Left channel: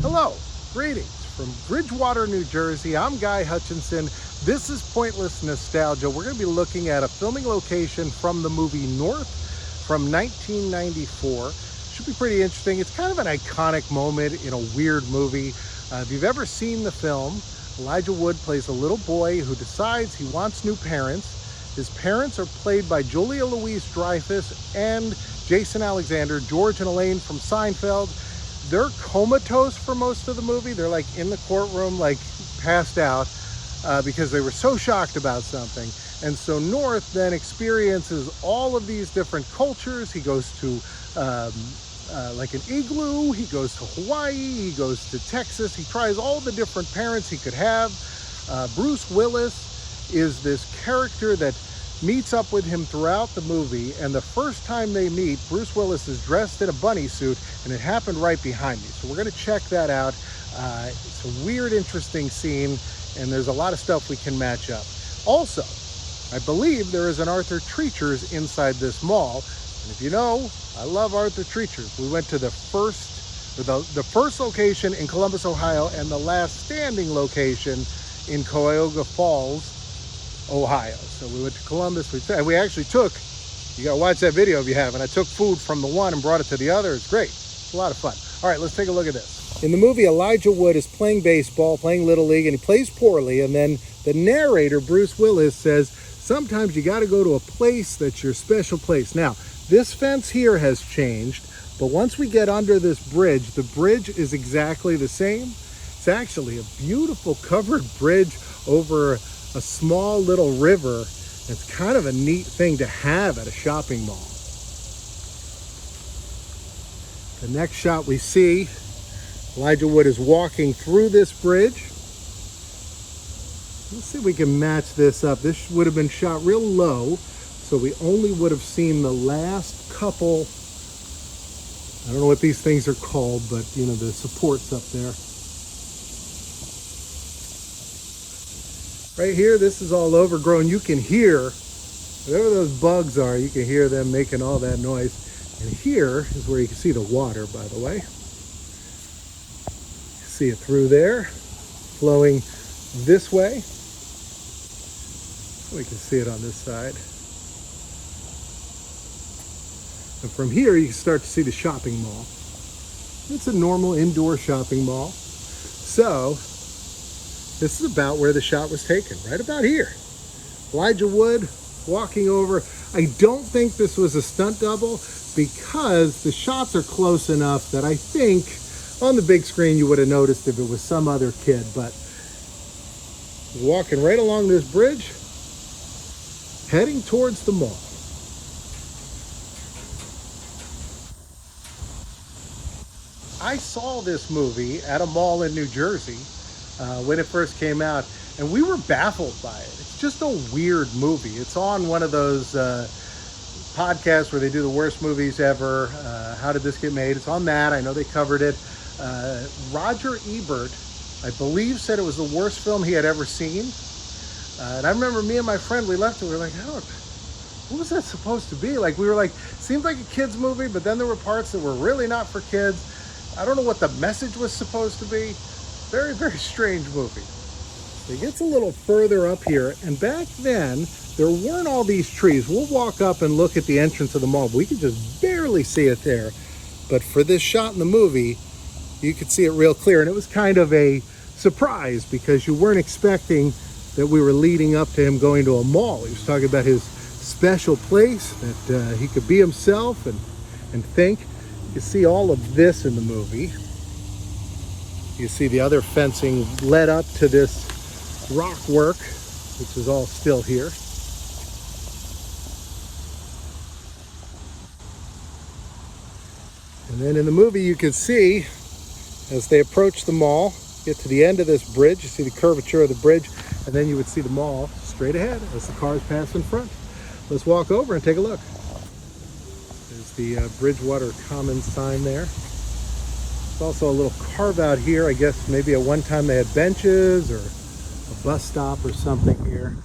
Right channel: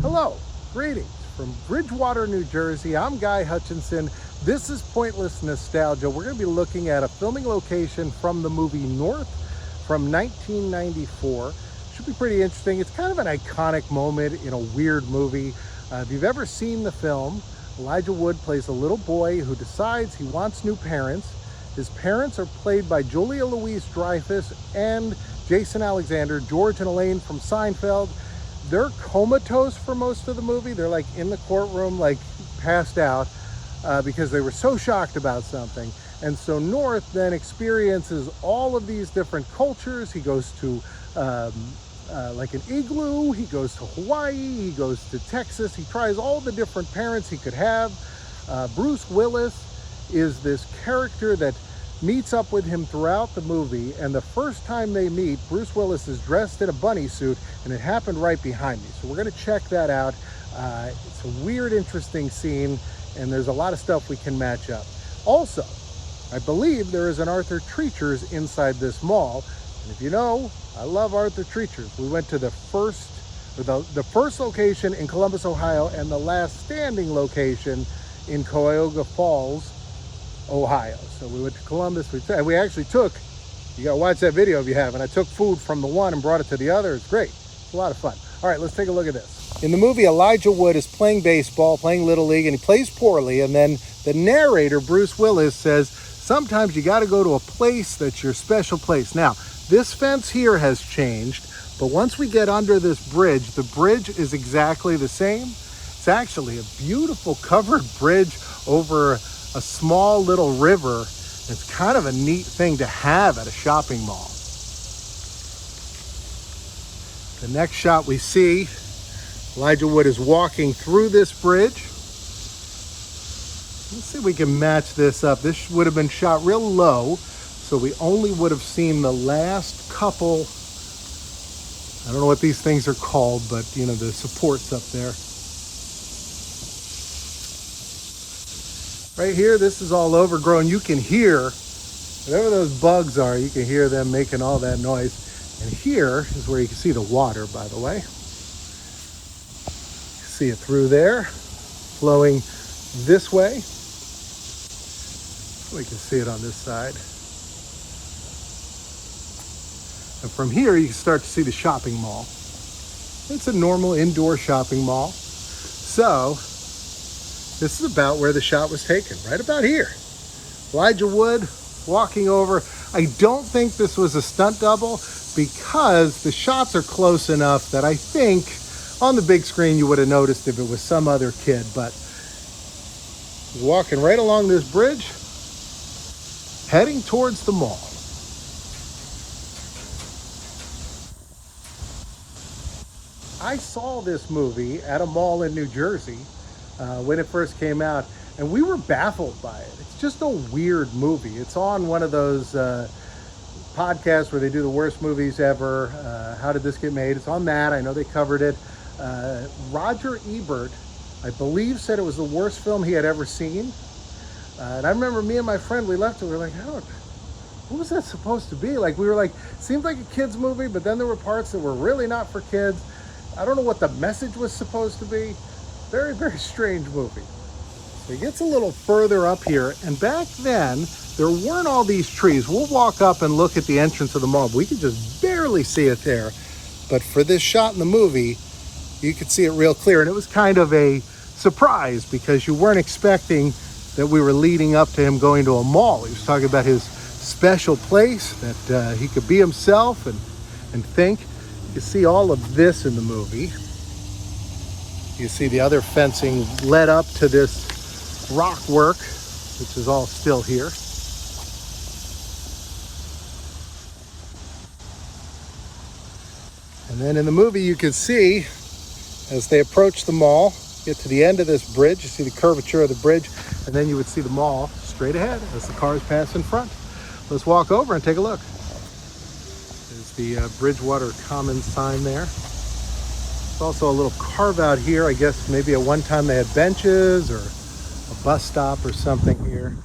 Hello, greetings from Bridgewater, New Jersey. I'm Guy Hutchinson. This is Pointless Nostalgia. We're going to be looking at a filming location from the movie North from 1994. Should be pretty interesting. It's kind of an iconic moment in a weird movie. If you've ever seen the film, Elijah Wood plays a little boy who decides he wants new parents. His parents are played by Julia Louis-Dreyfus and Jason Alexander, George and Elaine from Seinfeld. They're comatose for most of the movie. They're like in the courtroom, like passed out because they were so shocked about something. And so North then experiences all of these different cultures. He goes to like an igloo, he goes to Hawaii, he goes to Texas. He tries all the different parents he could have. Bruce Willis is this character that meets up with him throughout the movie, and the first time they meet, Bruce Willis is dressed in a bunny suit, and it happened right behind me. So we're going to check that out. It's a weird, interesting scene, and there's a lot of stuff we can match up. Also, I believe there is an Arthur Treacher's inside this mall, and if you know, I love Arthur Treacher's. We went to the first location in Columbus, Ohio, and the last standing location in Cuyahoga Falls, Ohio. So we went to Columbus. We actually took, you gotta watch that video if you haven't, I took food from the one and brought it to the other. It's great. It's a lot of fun. All right, let's take a look at this. In the movie, Elijah Wood is playing baseball, playing Little League, and he plays poorly. And then the narrator, Bruce Willis, says, sometimes you gotta go to a place that's your special place. Now, this fence here has changed, but once we get under this bridge, the bridge is exactly the same. It's actually a beautiful covered bridge over a small little river. It's kind of a neat thing to have at a shopping mall. The next shot we see, Elijah Wood is walking through this bridge. Let's see if we can match this up. This would have been shot real low, so we only would have seen the last couple, I don't know what these things are called, but you know, the supports up there. Right here, this is all overgrown. You can hear, whatever those bugs are, you can hear them making all that noise. And here is where you can see the water, by the way. See it through there, flowing this way. We can see it on this side. And from here, you can start to see the shopping mall. It's a normal indoor shopping mall. So, this is about where the shot was taken, right about here. Elijah Wood walking over. I don't think this was a stunt double because the shots are close enough that I think on the big screen you would have noticed if it was some other kid, but walking right along this bridge, heading towards the mall. I saw this movie at a mall in New Jersey when it first came out, and we were baffled by it. It's just a weird movie. It's on one of those podcasts where they do the worst movies ever. How did this get made? It's on that. I know they covered it. Roger Ebert, I believe, said it was the worst film he had ever seen. And I remember me and my friend, we left it, we were like, oh, what was that supposed to be? Like, we were like, seemed like a kid's movie, but then there were parts that were really not for kids. I don't know what the message was supposed to be. Very, very strange movie. So it gets a little further up here, and back then, there weren't all these trees. We'll walk up and look at the entrance of the mall. We can just barely see it there. But for this shot in the movie, you could see it real clear, and it was kind of a surprise because you weren't expecting that we were leading up to him going to a mall. He was talking about his special place, that he could be himself and think. You can see all of this in the movie. You see the other fencing led up to this rock work, which is all still here. And then in the movie you can see, as they approach the mall, get to the end of this bridge, you see the curvature of the bridge, and then you would see the mall straight ahead as the cars pass in front. Let's walk over and take a look. There's the Bridgewater Commons sign there. There's also a little carve out here. I guess maybe at one time they had benches or a bus stop or something here.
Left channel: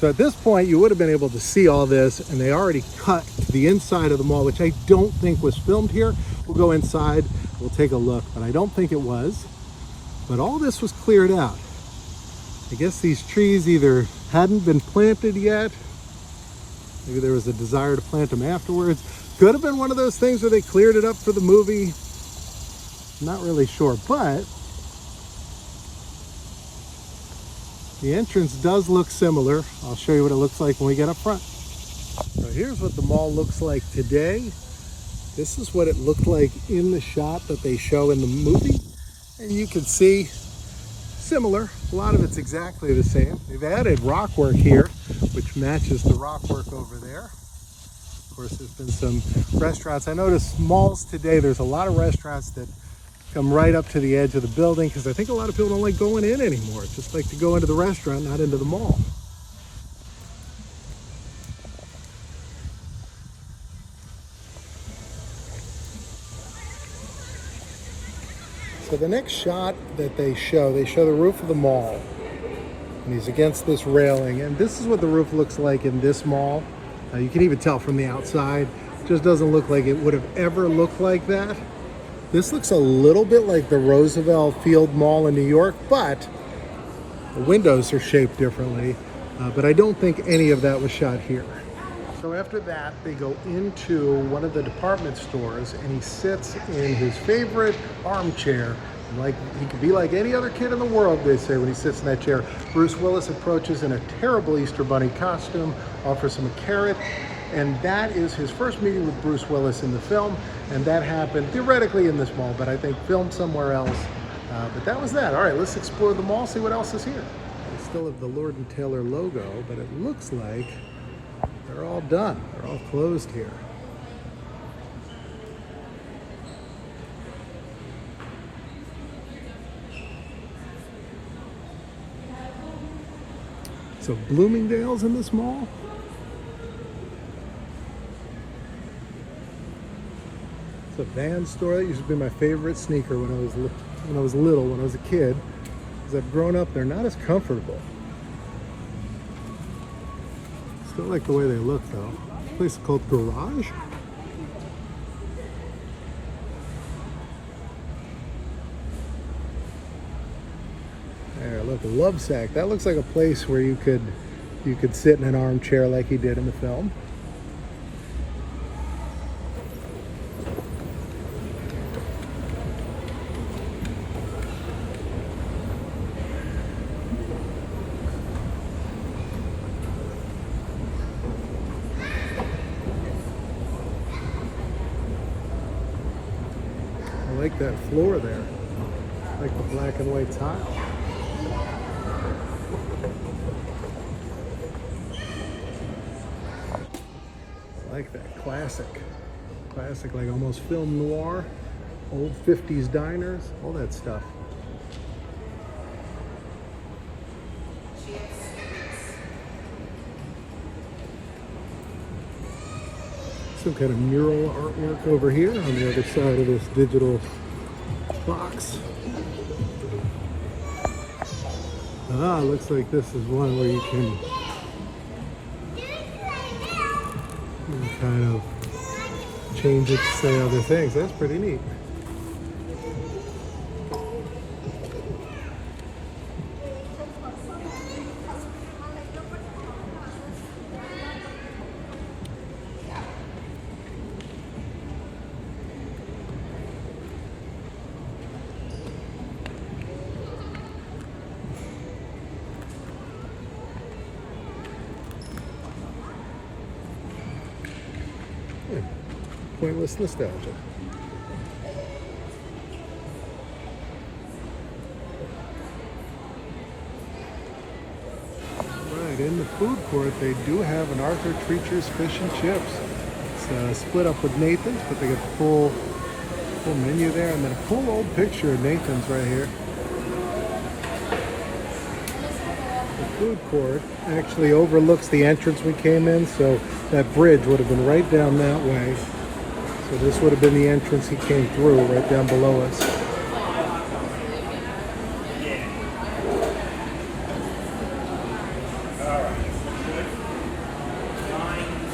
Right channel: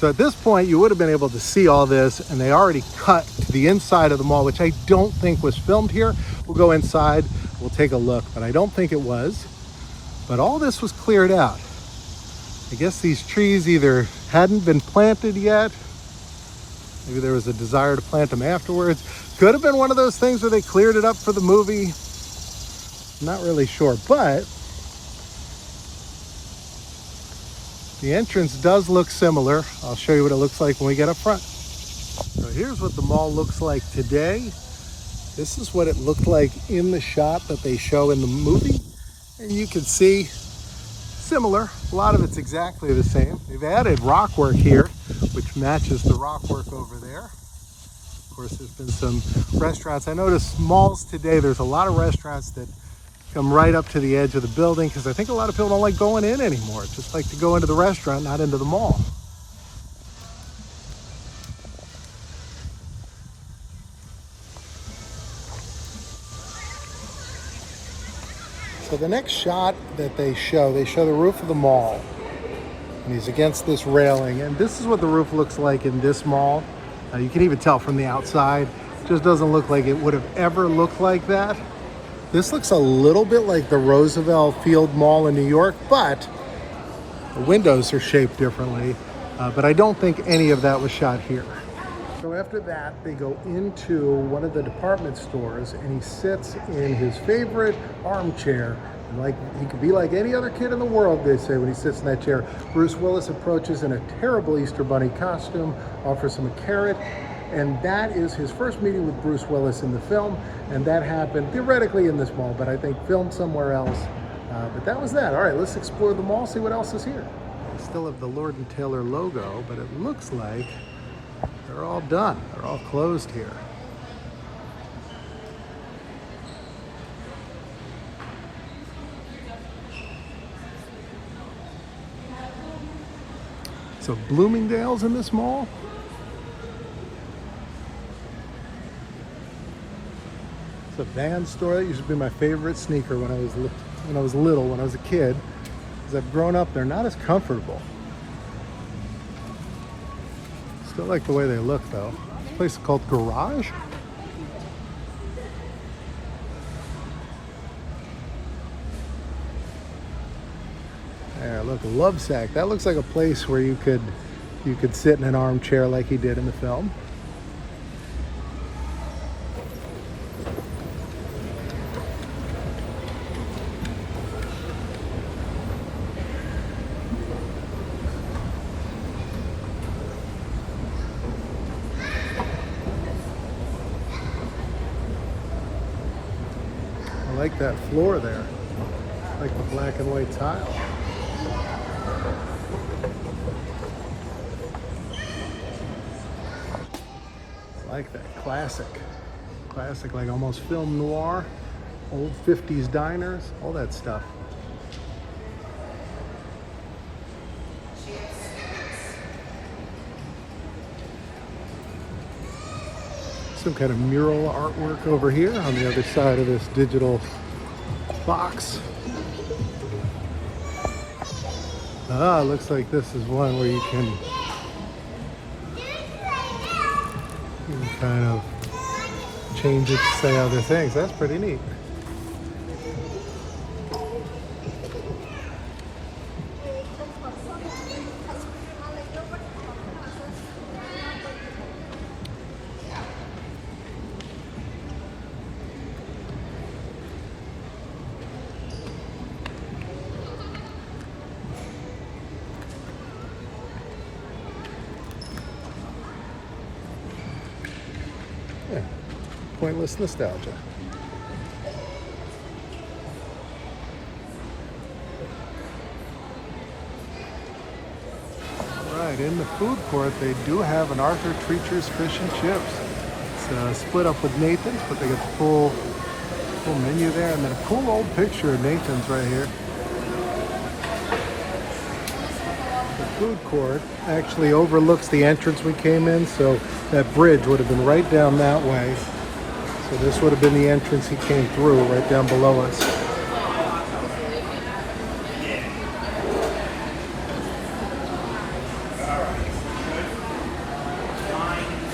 So at this point, you would have been able to see all this, and they already cut to the inside of the mall, which I don't think was filmed here. We'll go inside, we'll take a look, but I don't think it was. But all this was cleared out. I guess these trees either hadn't been planted yet, maybe there was a desire to plant them afterwards. Could have been one of those things where they cleared it up for the movie. Not really sure, but the entrance does look similar. I'll show you what it looks like when we get up front. So here's what the mall looks like today. This is what it looked like in the shot that they show in the movie. And you can see similar. A lot of it's exactly the same. They've added rock work here, which matches the rock work over there. Of course, there's been some restaurants. I noticed malls today, there's a lot of restaurants that come right up to the edge of the building because I think a lot of people don't like going in anymore. Just like to go into the restaurant, not into the mall. So the next shot that they show the roof of the mall. And he's against this railing. And this is what the roof looks like in this mall. You can even tell from the outside. It just doesn't look like it would have ever looked like that. This looks a little bit like the Roosevelt Field Mall in New York, but the windows are shaped differently. But I don't think any of that was shot here. So after that, they go into one of the department stores and he sits in his favorite armchair. And like he could be like any other kid in the world, they say, when he sits in that chair. Bruce Willis approaches in a terrible Easter Bunny costume, offers him a carrot. And that is his first meeting with Bruce Willis in the film. And that happened theoretically in this mall, but I think filmed somewhere else. But that was that. All right, let's explore the mall, see what else is here. Still have the Lord & Taylor logo, but it looks like they're all done. They're all closed here. So Bloomingdale's in this mall? It's a Vans store. That used to be my favorite sneaker when I was little, when I was a kid. As I've grown up, they're not as comfortable. Still like the way they look though. This place is called Garage. There, look, Lovesack. That looks like a place where you could sit in an armchair like he did in the film. I like that floor there. I like the black and white tile. I like that classic, like almost film noir, old 50s diners, all that stuff. Some kind of mural artwork over here on the other side of this digital box. Ah, looks like this is one where you can kind of change it to say other things. That's pretty neat. Yeah, pointless nostalgia. All right, in the food court, they do have an Arthur Treacher's Fish and Chips. It's split up with Nathan's, but they got the full menu there, and then a cool old picture of Nathan's right here. The food court actually overlooks the entrance we came in, so that bridge would have been right down that way. So this would have been the entrance he came through, right down below us.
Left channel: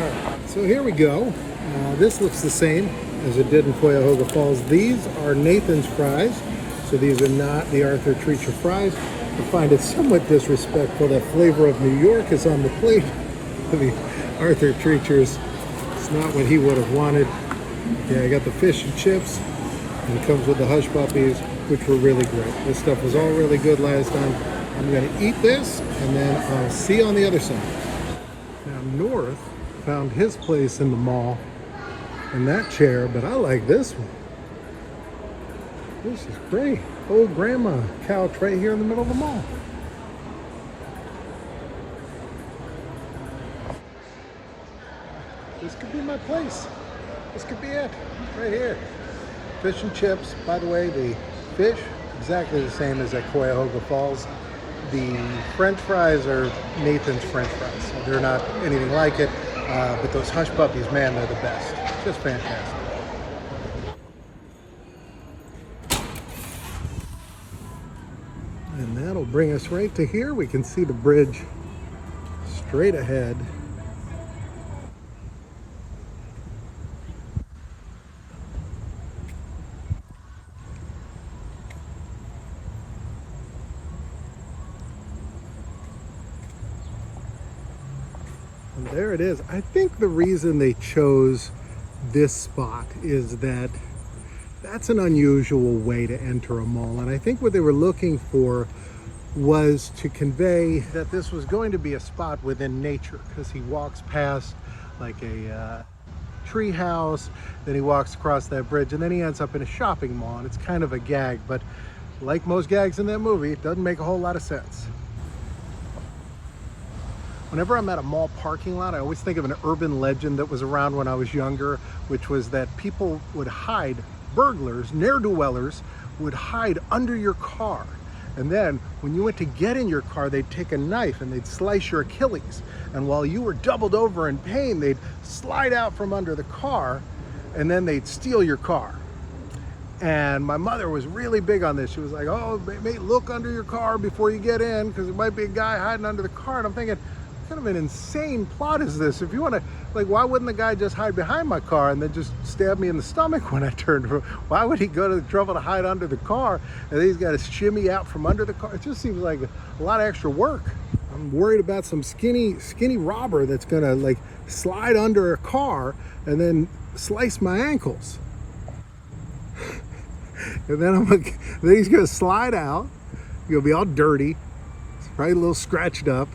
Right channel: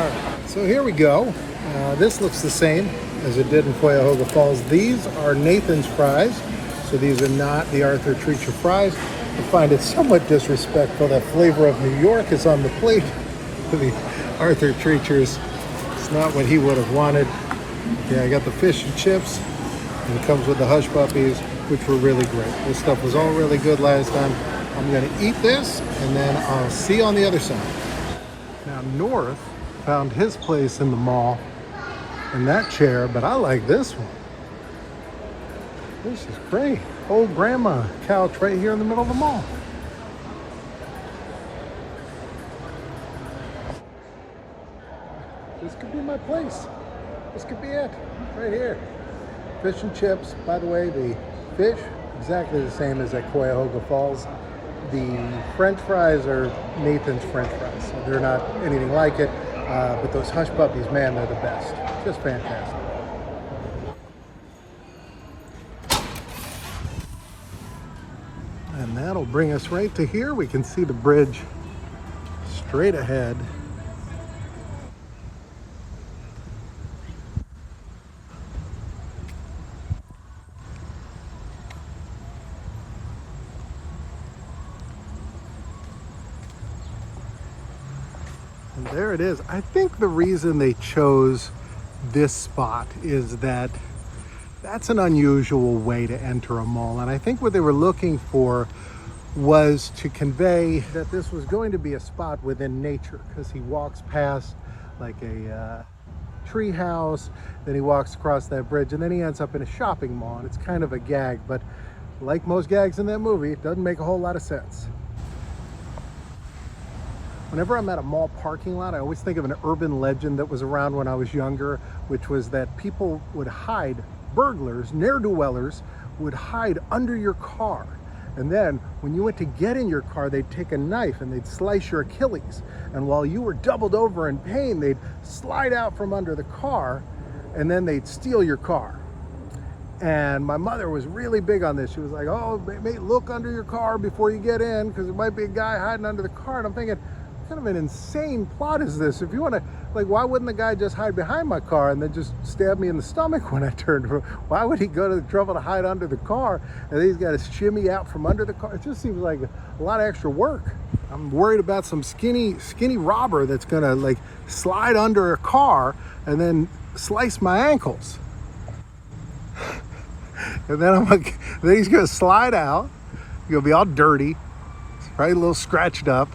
Alright, so here we go. This looks the same as it did in Cuyahoga Falls. These are Nathan's fries, so these are not the Arthur Treacher fries. I find it somewhat disrespectful that flavor of New York is on the plate for the Arthur Treachers. It's not what he would have wanted. Yeah, I got the fish and chips, and it comes with the hush puppies, which were really great. This stuff was all really good last time. I'm gonna eat this, and then I'll see you on the other side. Now, North found his place in the mall in that chair, but I like this one. This is great. Old grandma couch right here in the middle of the mall. This could be my place. This could be it, right here. Fish and chips. By the way, the fish, exactly the same as at Cuyahoga Falls. The French fries are Nathan's French fries. So they're not anything like it, but those hush puppies, man, they're the best. Just fantastic. And that'll bring us right to here. We can see the bridge straight ahead. And there it is. I think the reason they chose this spot is that that's an unusual way to enter a mall. And I think what they were looking for was to convey that this was going to be a spot within nature, because he walks past like a tree house, then he walks across that bridge, and then he ends up in a shopping mall. And it's kind of a gag, but like most gags in that movie, it doesn't make a whole lot of sense. Whenever I'm at a mall parking lot, I always think of an urban legend that was around when I was younger, which was that people would hide, burglars, ne'er-do-wellers, would hide under your car. And then when you went to get in your car, they'd take a knife and they'd slice your Achilles. And while you were doubled over in pain, they'd slide out from under the car and then they'd steal your car. And my mother was really big on this. She was like, oh, mate, look under your car before you get in, because there might be a guy hiding under the car. And I'm thinking, kind of an insane plot is this? If you want to, like, why wouldn't the guy just hide behind my car and then just stab me in the stomach when I turned? Why would he go to the trouble to hide under the car and then he's got to shimmy out from under the car? It just seems like a lot of extra work. I'm worried about some skinny robber that's gonna like slide under a car and then slice my ankles. And then then he's gonna slide out. He's gonna be all dirty, probably a little scratched up.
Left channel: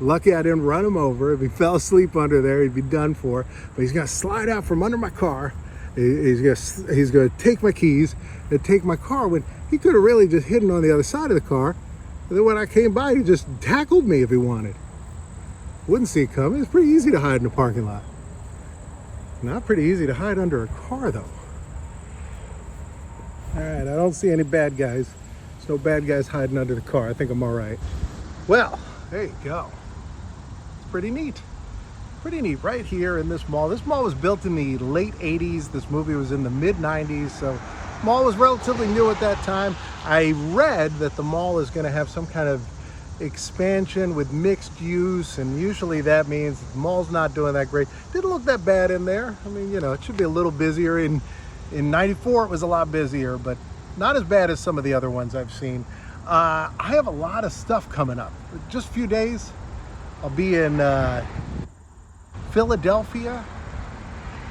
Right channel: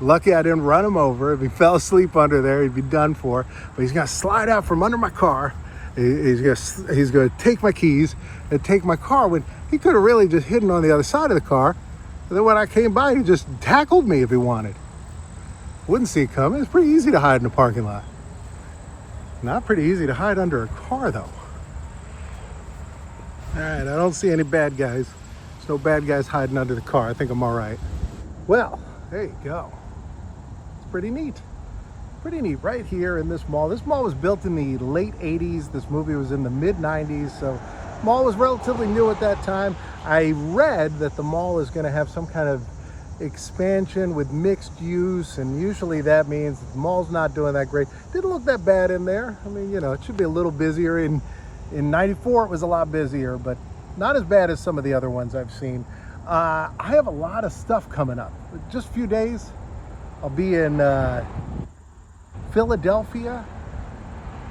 Lucky I didn't run him over. If he fell asleep under there, he'd be done for. But he's gonna slide out from under my car. He's gonna take my keys and take my car, when he could have really just hidden on the other side of the car. And then when I came by, he just tackled me if he wanted. Wouldn't see it coming. It's pretty easy to hide in a parking lot. Not pretty easy to hide under a car, though. All right, I don't see any bad guys. There's no bad guys hiding under the car. I think I'm all right. Well, there you go. Pretty neat right here in this mall. This mall was built in the late 80s. This movie was in the mid 90s, so mall was relatively new at that time. I read that the mall is going to have some kind of expansion with mixed use, and usually that means the mall's not doing that great. Didn't look that bad in there. I mean, you know, it should be a little busier. In 94 it was a lot busier, but not as bad as some of the other ones I've seen. I have a lot of stuff coming up. Just a few days, I'll be in Philadelphia.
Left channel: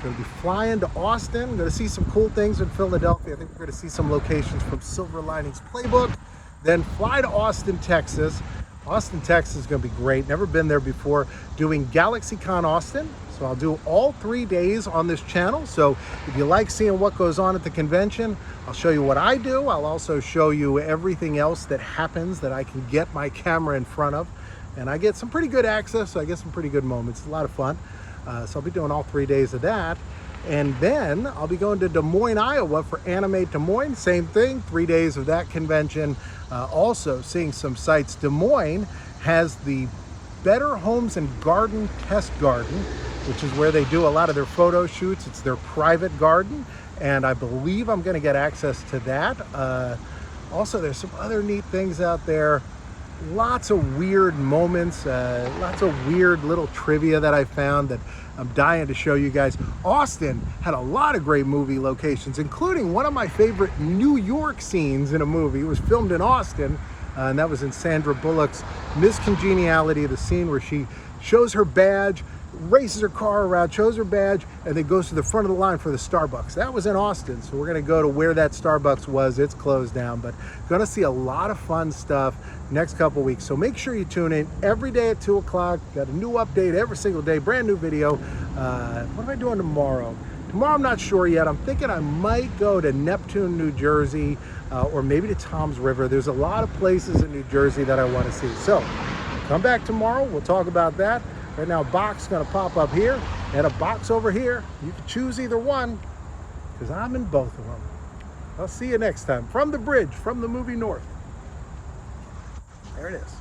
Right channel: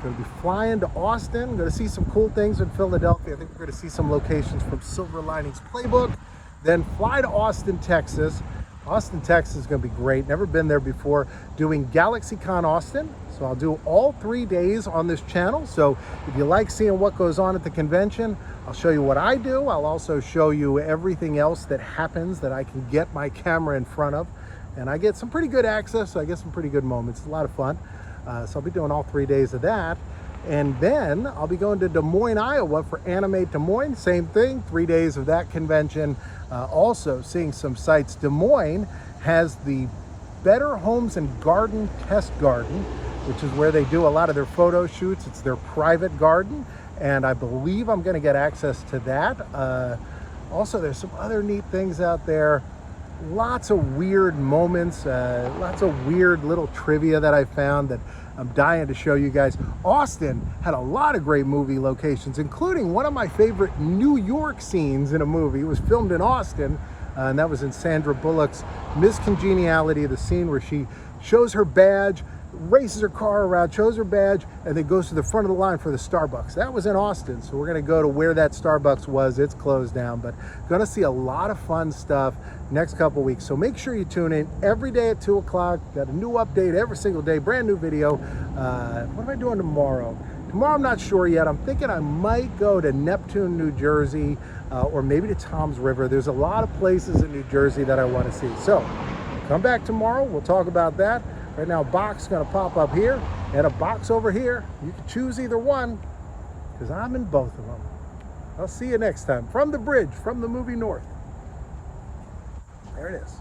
Going to be flying to Austin. Going to see some cool things in Philadelphia. I think we're going to see some locations from Silver Linings Playbook. Then fly to Austin, Texas. Austin, Texas is going to be great. Never been there before. Doing GalaxyCon Austin. So I'll do all 3 days on this channel. So if you like seeing what goes on at the convention, I'll show you what I do. I'll also show you everything else that happens that I can get my camera in front of. And I get some pretty good access, so I get some pretty good moments. It's a lot of fun. So I'll be doing all 3 days of that. And then I'll be going to Des Moines, Iowa for Animate Des Moines. Same thing, 3 days of that convention. Also seeing some sites. Des Moines has the Better Homes and Garden Test Garden, which is where they do a lot of their photo shoots. It's their private garden, and I believe I'm going to get access to that. Also, there's some other neat things out there. lots of weird moments, lots of weird little trivia that I found that I'm dying to show you guys. Austin had a lot of great movie locations, including one of my favorite New York scenes in a movie. It was filmed in Austin, and that was in Sandra Bullock's Miss Congeniality, the scene where she shows her badge, races her car around, shows her badge, and then goes to the front of the line for the Starbucks. That was in Austin, so we're gonna go to where that Starbucks was. It's closed down, but gonna see a lot of fun stuff next couple weeks. So make sure you tune in every day at 2 o'clock. Got a new update every single day, brand new video. What am I doing tomorrow? Tomorrow I'm not sure yet. I'm thinking I might go to Neptune, New Jersey, or maybe to Tom's River. There's a lot of places in New Jersey that I want to see. So come back tomorrow, we'll talk about that. Right now, a box is gonna pop up here and a box over here. You can choose either one, because I'm in both of them. I'll see you next time from the bridge, from the movie North. There it is.